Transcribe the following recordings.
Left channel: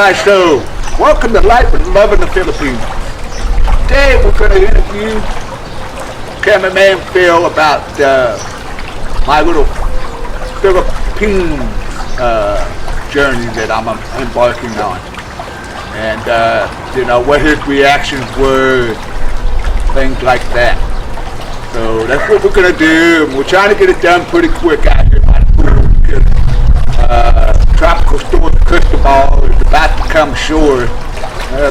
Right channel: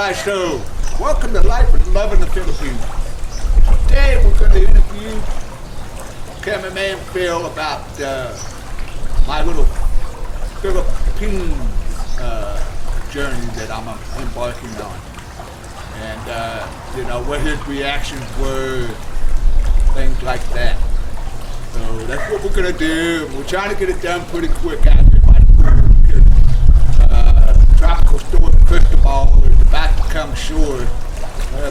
Alright, so welcome to Life and Love in the Philippines. Today we're going to interview Cameraman Phil about my little Philippines journey that I'm embarking on. And, what his reactions were, things like that. So that's what we're going to do. And we're trying to get it done pretty quick out here by the pool because Tropical Storm Cristobal is about to come ashore.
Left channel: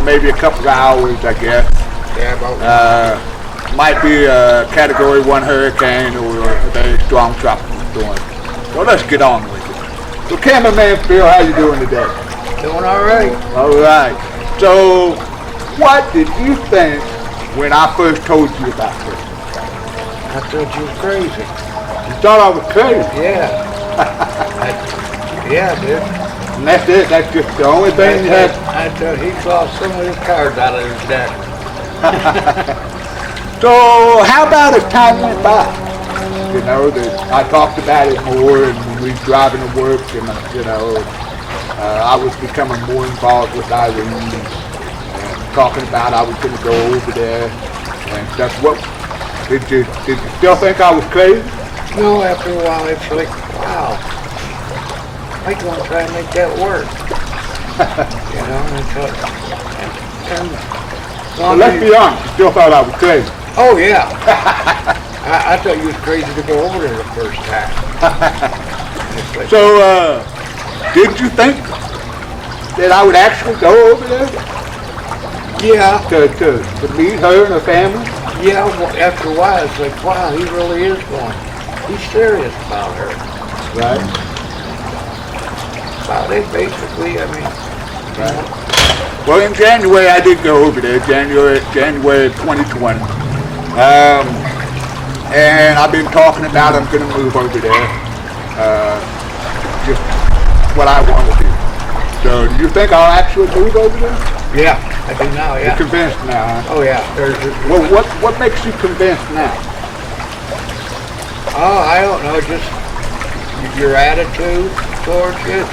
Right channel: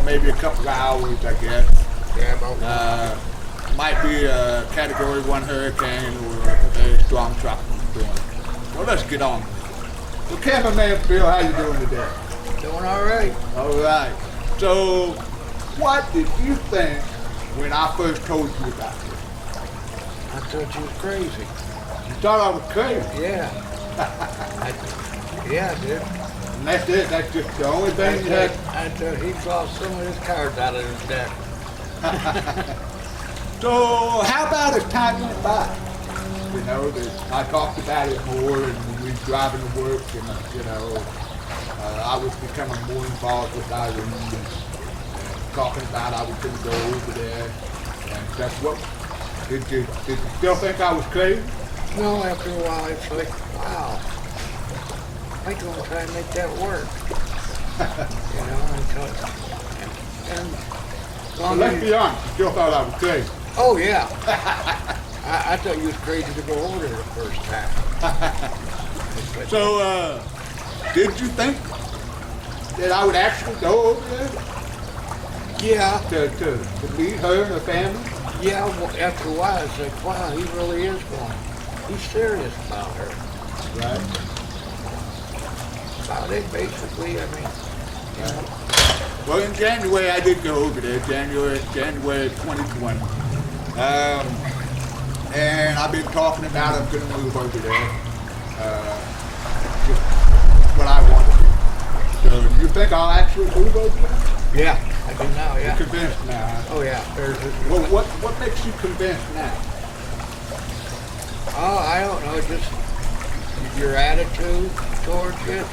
Maybe a couple of hours, I guess. Yeah, about might be a Category 1 hurricane or a very strong tropical storm. So let's get on with it. So Cameraman Phil, how you doing today? doing all right. All right. So what did you think when I first told you about this? I thought you was crazy. You thought I was crazy? Yeah. Yeah, dude. And that's it? That's just the only thing you had? I thought he lost some of his cards out of his deck. So how about as time went by? You know, that I talked about it more, and when we was driving to work, and I was becoming more involved with Irene, and talking about I was going to go over there and stuff. What did you still think I was crazy? No, after a while it's like, wow, I gonna try and make that work. And it's like, and Well, let's be honest, you still thought I was crazy. oh yeah. I thought you was crazy to go over there the first time. It's like, So, did you think that I would actually go over there yeah, to meet her and her family? yeah. Well, after a while, it's like, wow, he really is going. He's serious about her. Right. About it, basically. I mean, Right. Well, in January I did go over there, January 2020. And I've been talking about I'm going to move over there. Just what I want to do. So, do you think I'll actually move over there? yeah, I do now. You're Yeah. convinced now, huh? Oh yeah. Well, what makes you convinced now? Oh, I don't know. Just your attitude towards it.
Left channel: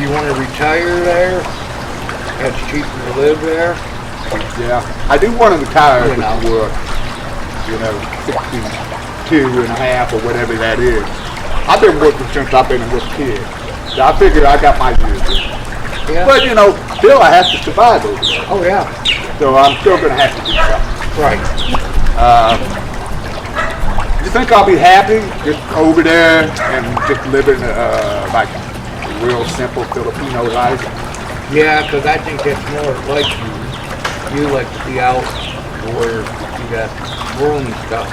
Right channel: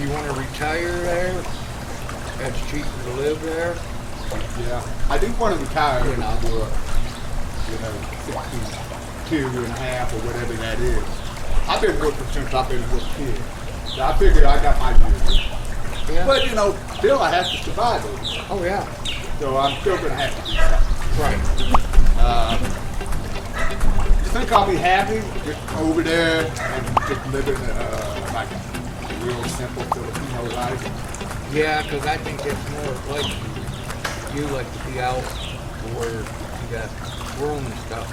You want to retire there? It's cheaper to live there. Yeah, I do want to retire You know. before, 62 and a half or whatever that is. I've been working since I've been a little kid. So I figure I got my years in. Yeah. But, still I have to survive over there. Oh yeah. So I'm still going to have to do something. Right. You think I'll be happy just over there and just living like a real simple Filipino life? Yeah, because I think that's more like you. You like to be out where you got room and stuff.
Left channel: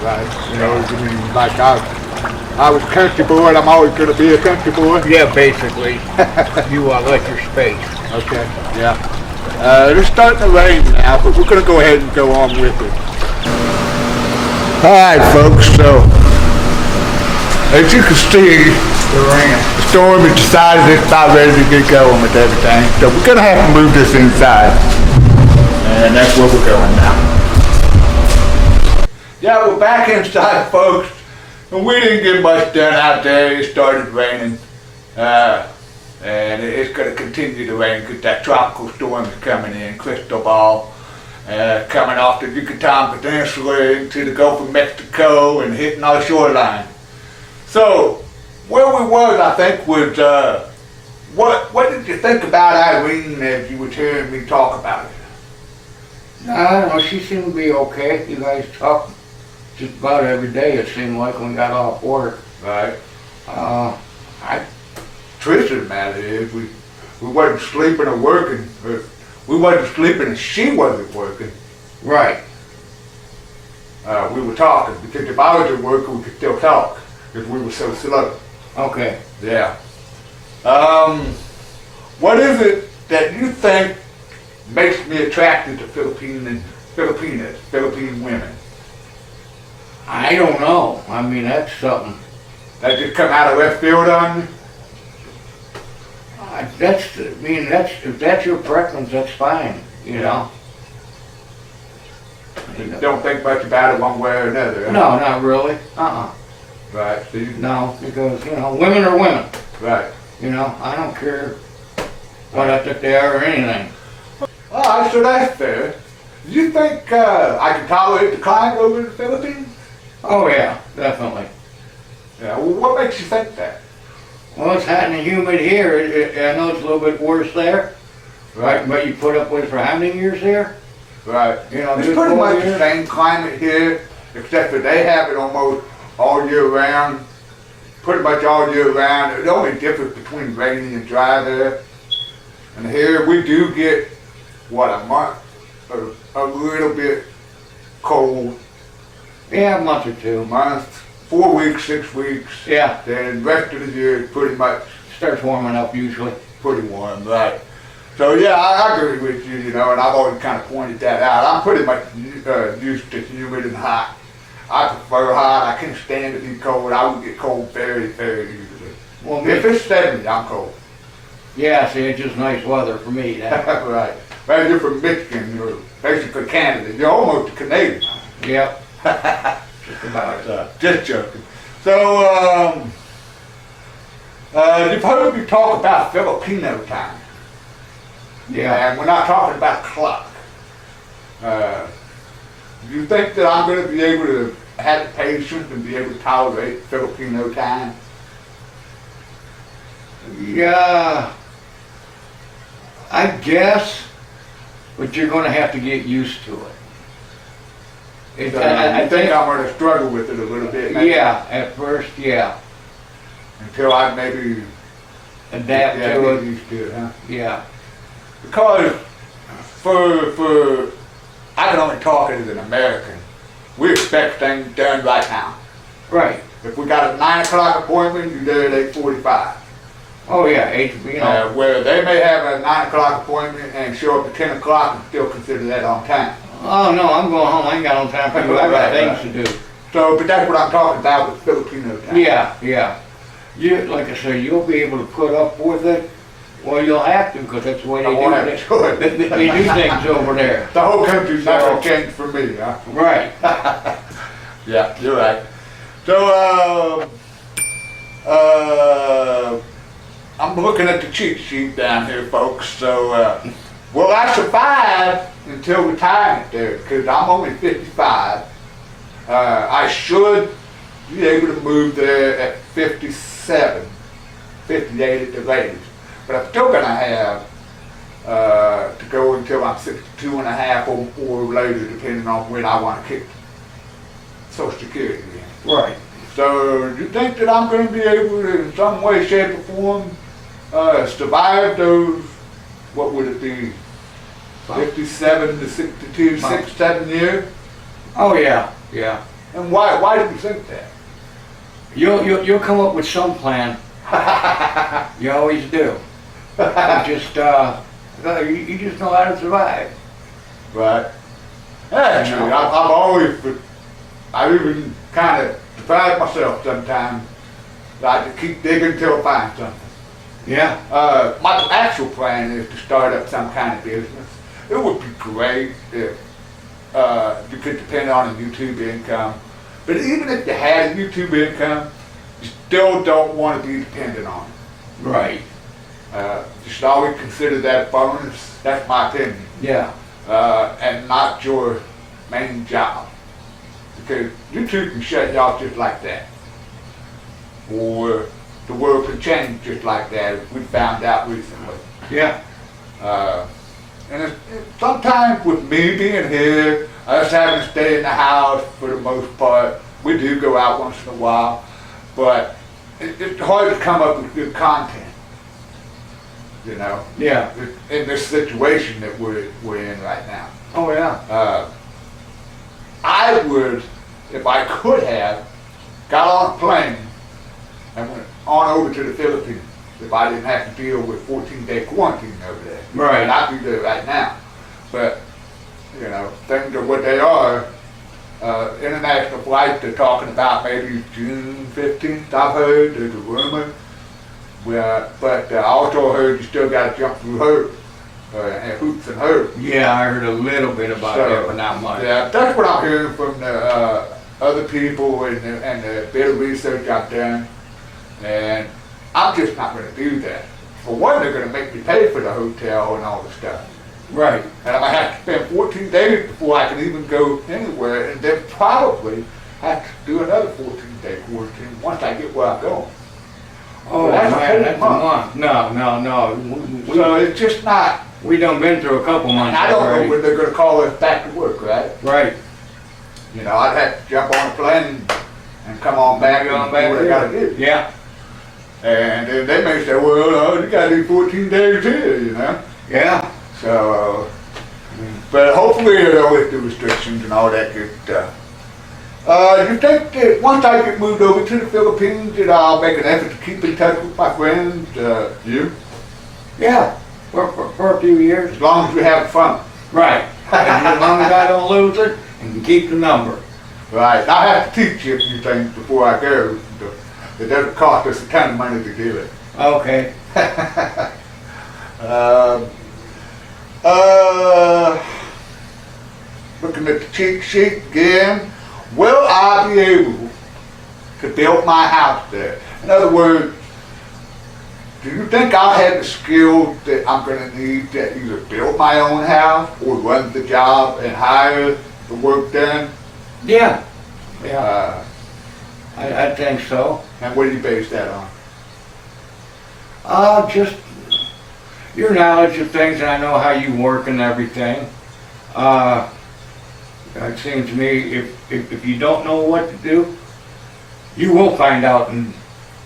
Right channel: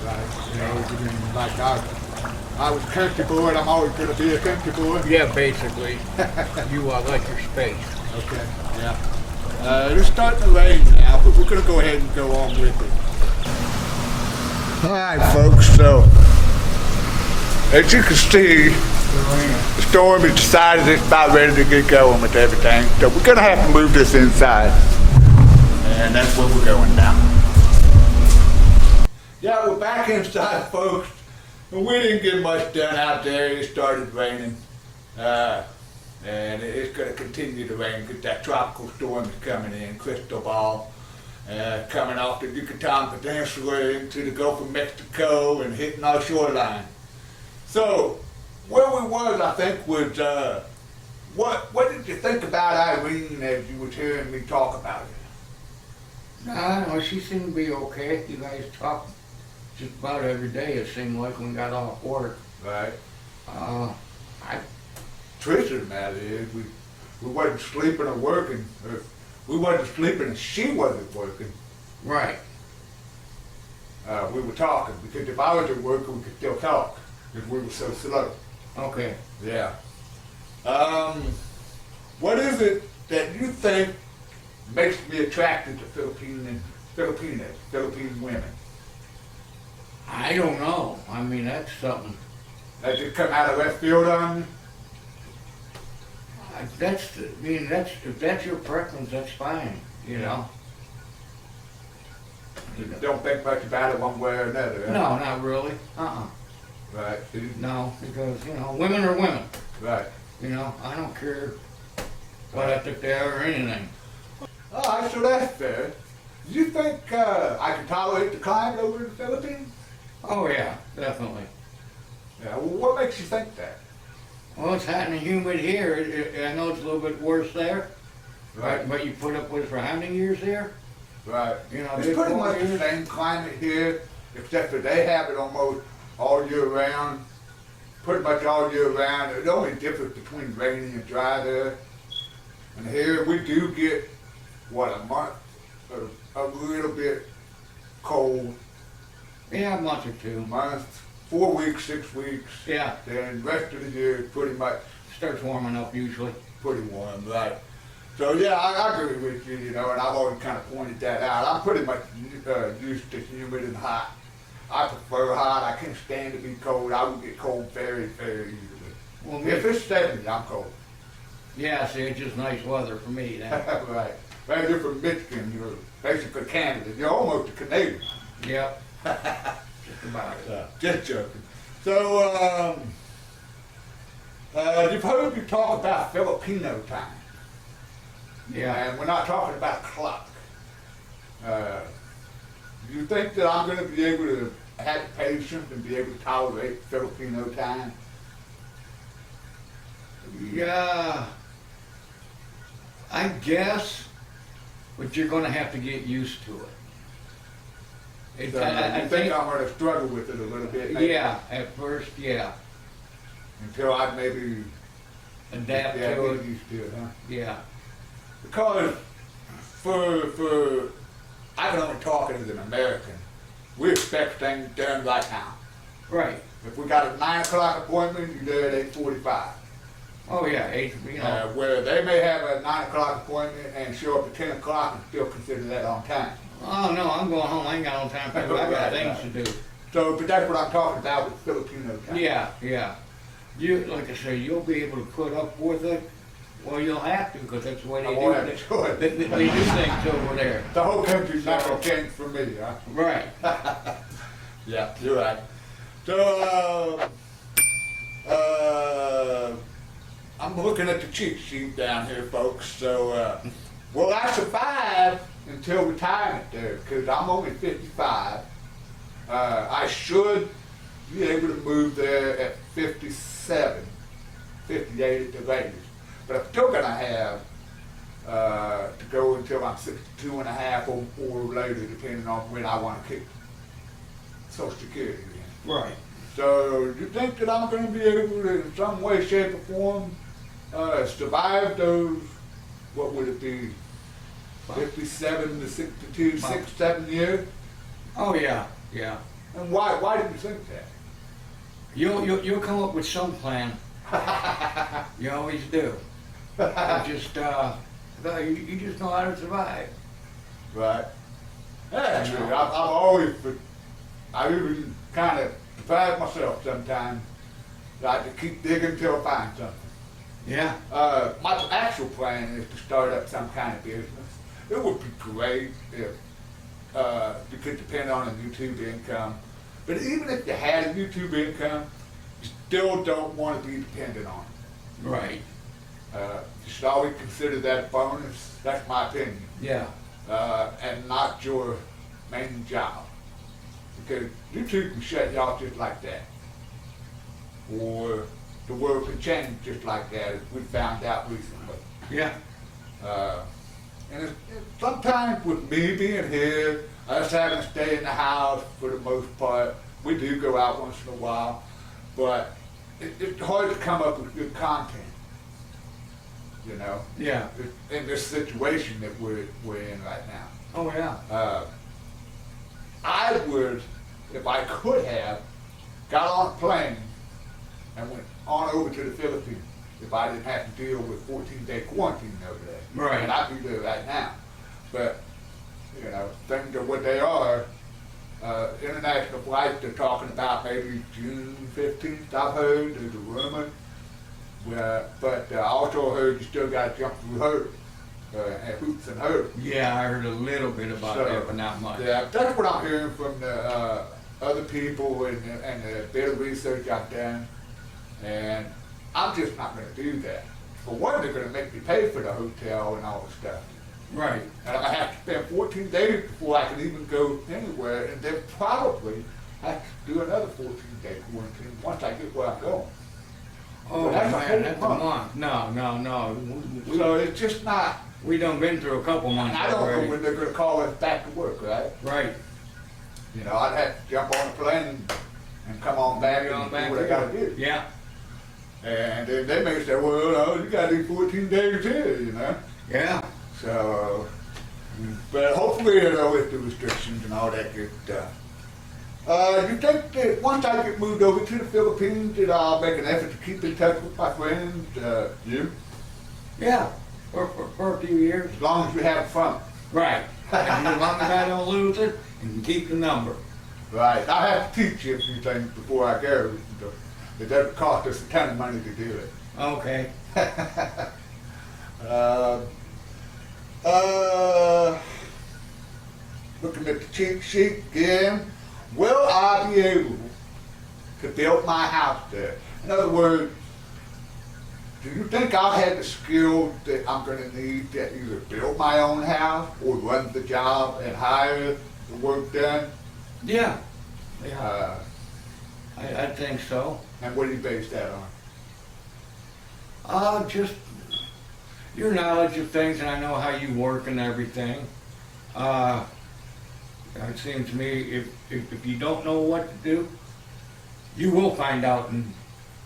Right? You mean like I was a country boy and I'm always going to be a country boy? Yeah, basically. You like your space. Okay, yeah. It's starting to rain now, but we're going to go ahead and go on with it. Alright folks, so as you can see, the storm has decided it's not ready to get going with everything, so we're going to have to move this inside. And that's where we're going now. Yeah, we're back inside folks, and we didn't get much done out there. It started raining, and it's going to continue to rain because that tropical storm is coming in, Cristobal. Coming off the Yucatan Peninsula into the Gulf of Mexico and hitting our shoreline. So, where we was, I think, was, what did you think about Irene as you was hearing me talk about it? I don't know. She seemed to be okay. You guys talk just about every day. It seemed like when we got off work. Right. I Truth of the matter is, we wasn't sleeping or working, or we wasn't sleeping and she wasn't working. right. We were talking, because if I was at work, we could still talk, because we were so slow. Okay. Yeah. What is it that you think makes me attracted to Philippine women? I don't know. I mean, that's something. That just come out of left field on you? If that's your preference, that's fine. You know. You don't think much about it one way or another, huh? No, not really. Right. So No, because women are women. right. I don't care what I took there or anything. Alright, so that's fair. Do you think I can tolerate the climate over in the Philippines? Oh yeah, definitely. Yeah, well, what makes you think that? Well, it's hot and humid here. I know it's a little bit worse there. Right. But you put up with it for how many years here? Right. You know, It's good pretty 4 much the years. same climate here, except that they have it almost all year round. Pretty much all year round. The only difference between rainy and dry there. And here we do get, what, a month, a little bit cold. Yeah, a month or two. A month, 4 weeks, 6 weeks. Yeah, Then the rest of the year is pretty much starts warming up usually. pretty warm, right? So yeah, I agree with you, you know, and I've always kind of pointed that out. I'm pretty much used to humid and hot. I prefer hot. I can't stand to be cold. I would get cold very, very easily. Well, If it's 70, I'm cold. yeah, see, it's just nice weather for me. That. Right. Well, you're from Michigan. You're basically Canada. You're almost a Canadian. Yep. Just about it. Just joking. So, you've heard me talk about Filipino time. Yeah. And we're not talking about a clock. Do you think that I'm going to be able to have the patience and be able to tolerate Filipino time? Yeah. I guess, but you're going to have to get used to it. So I think I'm going to struggle with it a little bit, maybe, Yeah, at first, yeah. until I maybe Adapt get to it. used to it, huh? Yeah. Because for I can only talk as an American. We expect things done right now. Right. If we got a 9 o'clock appointment, you're there at 8:45. Oh yeah, you know. Where they may have a 9 o'clock appointment and show up at 10 o'clock and still consider that on time. Oh no, I'm going home. I ain't got no time for you. I got Right, things to do. So, but that's what I'm talking about with Filipino time. Yeah, yeah. You, like I said, you'll be able to put up with it. Well, you'll have to because that's the way I they won't have do a it. choice. They do things over there. The whole country's not So- gonna change for me, huh? Right. Yeah, you're right. So, I'm looking at the cheat sheet down here, folks. So, will I survive until retirement there? Because I'm only 55. I should be able to move there at 57, 58 at the latest. But I'm still gonna have to go until I'm 62 and a half or later, depending on when I want to kick Social Security in. Right. So, do you think that I'm going to be able to, in some way, shape, or form, survive those, what would it be, 57 to 62, 6, 7 years? Oh yeah, yeah. And why do you think that? You'll come up with some plan. You always do. You just you just know how to survive. Right. Actually, I've always, I even kind of defied myself sometimes, like to keep digging till I find something. Yeah. My actual plan is to start up some kind of business. It would be great if you could depend on a YouTube income. But even if you had a YouTube income, you still don't want to be dependent on it. Right. You should always consider that a bonus. That's my opinion. Yeah. And not your main job. Because YouTube can shut you off just like that. Or the world can change just like that, as we found out recently. Yeah. And sometimes with me being here, us having to stay in the house for the most part, we do go out once in a while, but it's hard to come up with good content. You know, Yeah. in this situation that we're in right now. Oh yeah. I would, if I could have, got on a plane and went on over to the Philippines if I didn't have to deal with 14-day quarantine over there. Right. And I'd be there right now. But, you know, things are what they are. International flights, they're talking about maybe June 15th, I've heard. There's a rumor. But I also heard you still got to jump through hoops and hurdles. Yeah, I heard a little bit about that, but not much. Yeah, that's what I'm hearing from the other people and the bit of research I've done. And I'm just not going to do that. for one, they're going to make me pay for the hotel and all the stuff. Right. And I'm going to have to spend 14 days before I can even go anywhere, and then probably have to do another 14-day quarantine once I get where I'm going. Oh, That's a man, whole that's month. a month. No. So it's just not, We done been through a couple months and I don't know already. when they're going to call us back to work, right? Right. You know, I'd have to jump on a plane and come on back and do what I got to do. Yeah. And then they may say, well, no, you got to do 14 days here, you know? Yeah. So, but hopefully, you know, with the restrictions and all that good stuff. You think that once I get moved over to the Philippines, that I'll make an effort to keep in touch with my friends, you? Yeah. For a few years. As long as we have fun. Right. As long as I don't lose it and can keep the number. Right. I have to teach you a few things before I go. It doesn't cost us a ton of money to do it. Okay. Looking at the cheat sheet again. Will I be able to build my house there? In other words, do you think I'll have the skills that I'm going to need to either build my own house or run the job and hire the work done? Yeah. Yeah. I think so. And what do you base that on? Just your knowledge of things, and I know how you work and everything. It seems to me if you don't know what to do, you will find out and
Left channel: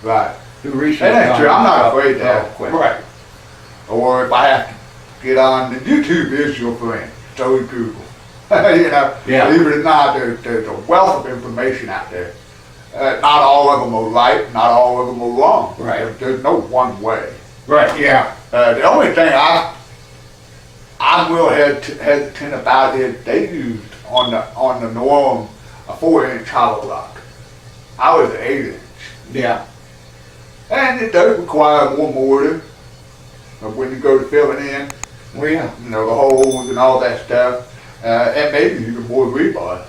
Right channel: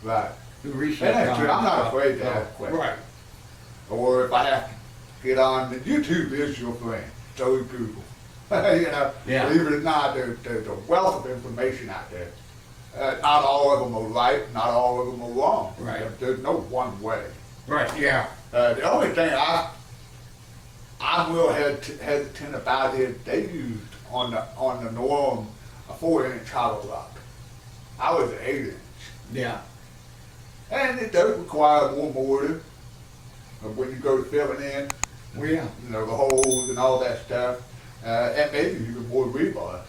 Right. do research. And that's on true. I'm not stuff afraid to real ask quick. questions. Or if I have to get on, the YouTube is your friend. So is Google. You know, Yeah. believe it or not, there's a wealth of information out there. Not all of them are right, not all of them are wrong. Right. There's no one way. Right. Yeah. The only thing I'm real hesitant about is they used on the norm a 4-inch hollow block. I was an 8-inch. Yeah. And it does require more mortar when you go to filling in, Well, yeah. you know, the holes and all that stuff, and maybe even more rebar.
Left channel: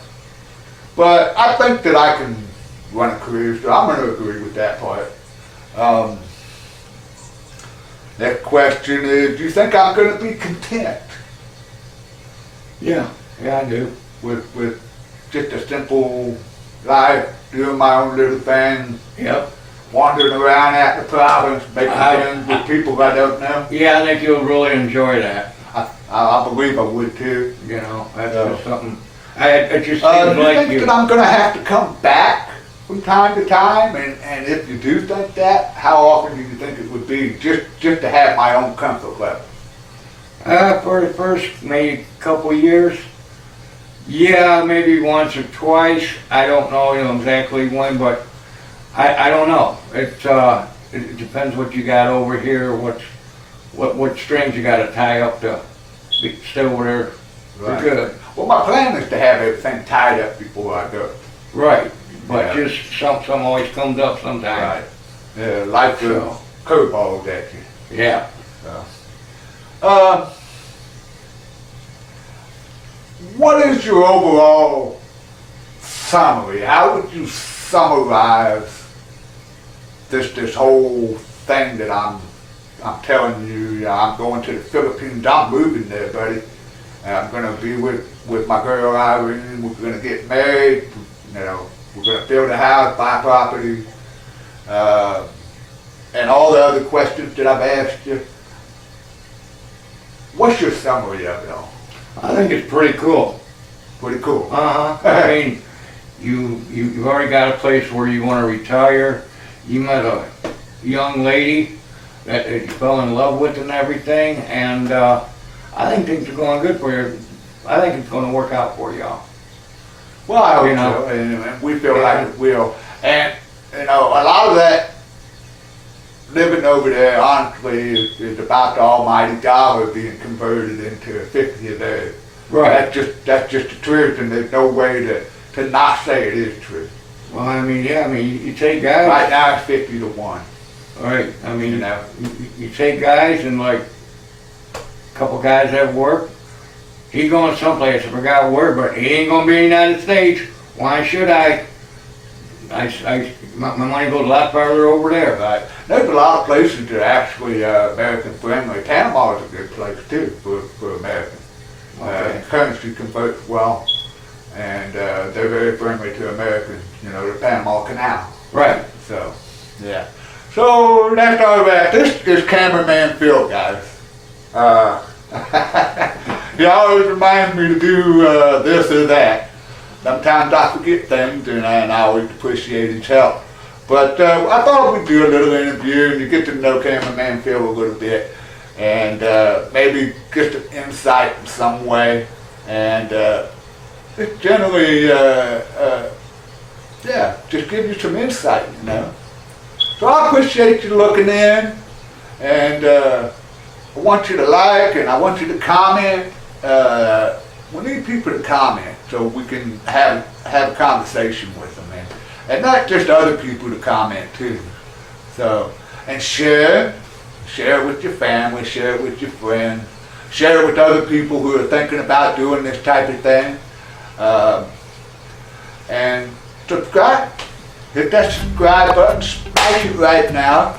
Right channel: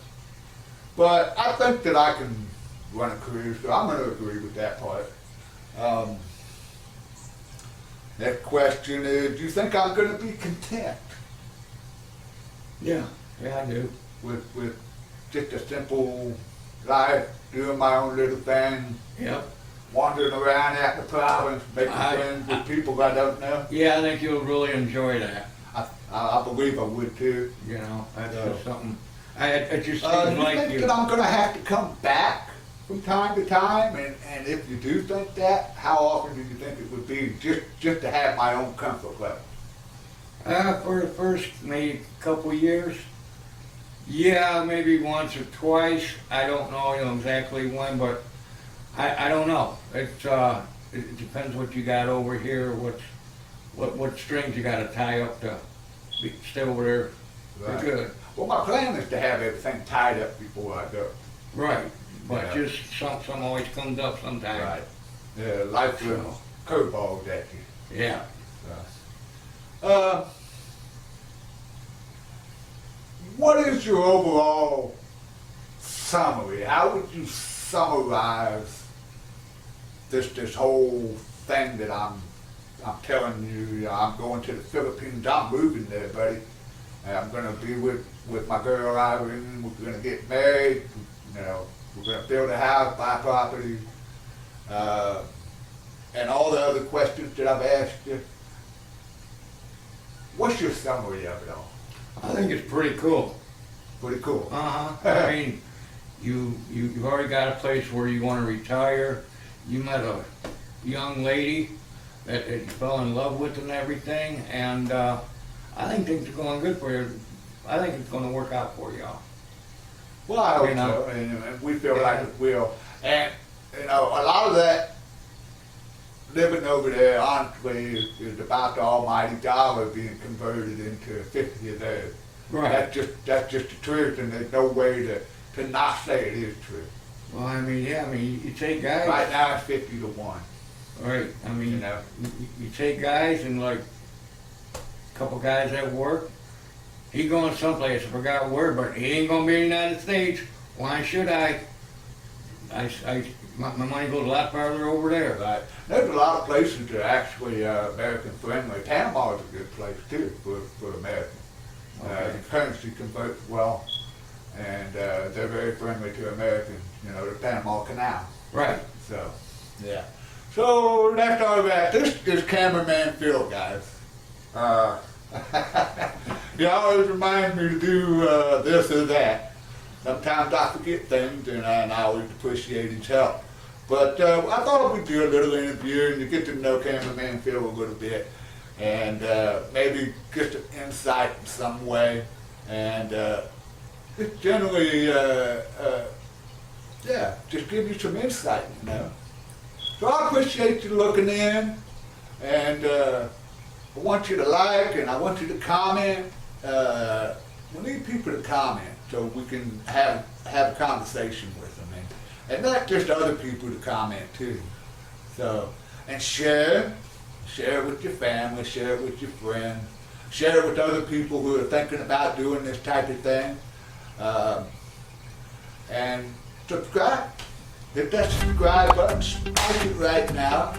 But I think that I can run a career, so I'm going to agree with that part. Next question is, do you think I'm going to be content Yeah. Yeah, I do. with just a simple life, doing my own little thing, Yep. wandering around out the province, making friends with people I don't know? Yeah, I think you'll really enjoy that. I believe I would too. You know, that's Yeah. just something. It just Do seems you like think you. that I'm going to have to come back from time to time? And if you do think that, how often do you think it would be just to have my own comfort level? For the first maybe couple years, yeah, maybe once or twice. I don't know, exactly when, but I don't know. It depends what you got over here, what strings you got to tie up to stay over there for Right. good. Well, my plan is to have everything tied up before I go. Right, but Yeah. just something always comes up sometimes. Yeah, life throws So. curveballs at you. Yeah. What is your overall summary? How would you summarize this whole thing that I'm telling you? I'm going to the Philippines. I'm moving there, buddy. And I'm going to be with my girl Irene. We're going to get married. You know, we're going to build a house, buy property, and all the other questions that I've asked you. What's your summary of it all? I think it's pretty cool. Pretty cool. I mean, you've already got a place where you want to retire. You met a young lady that you fell in love with and everything, and I think things are going good for you. I think it's going to work out for y'all. Well, I hope You know. so, and we feel Yeah. like it will. And, you know, a lot of that living over there, honestly, is about the almighty dollar being converted into a 50 a day. Right. That's just the truth, and there's no way to not say it is true. Well, I mean, yeah, I mean, you take guys. Right now, it's 50 to 1. Right. I mean, You know. you take guys and like a couple guys have work. He's going someplace. I forgot where, but he ain't going to be in the United States. Why should I? My money goes a lot farther over there. Right. There's a lot of places that are actually American friendly. Panama is a good place too for Americans. Okay. The currency converts well, and they're very friendly to Americans. You know, the Panama Canal. Right. So, yeah. So that's all right. This is Cameraman Phil, guys. He always reminds me to do this or that. Sometimes I forget things, and I always appreciate his help. But I thought we'd do a little interview and to get to know Cameraman Phil a little bit, and maybe get some insight in some way, and just generally, yeah, just give you some insight, you know. So I appreciate you looking in, and I want you to like and I want you to comment. We need people to comment so we can have a conversation with them, and not just other people to comment too. So, and share it with your family, share it with your friends, share it with other people who are thinking about doing this type of thing, and subscribe. Hit that subscribe button, smash it right now,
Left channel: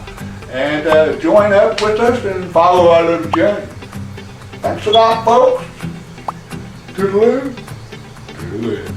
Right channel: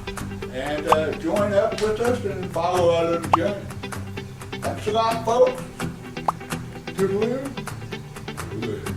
and join up with us and follow our little journey. Thanks a lot, folks. Toodaloo. Toodaloo.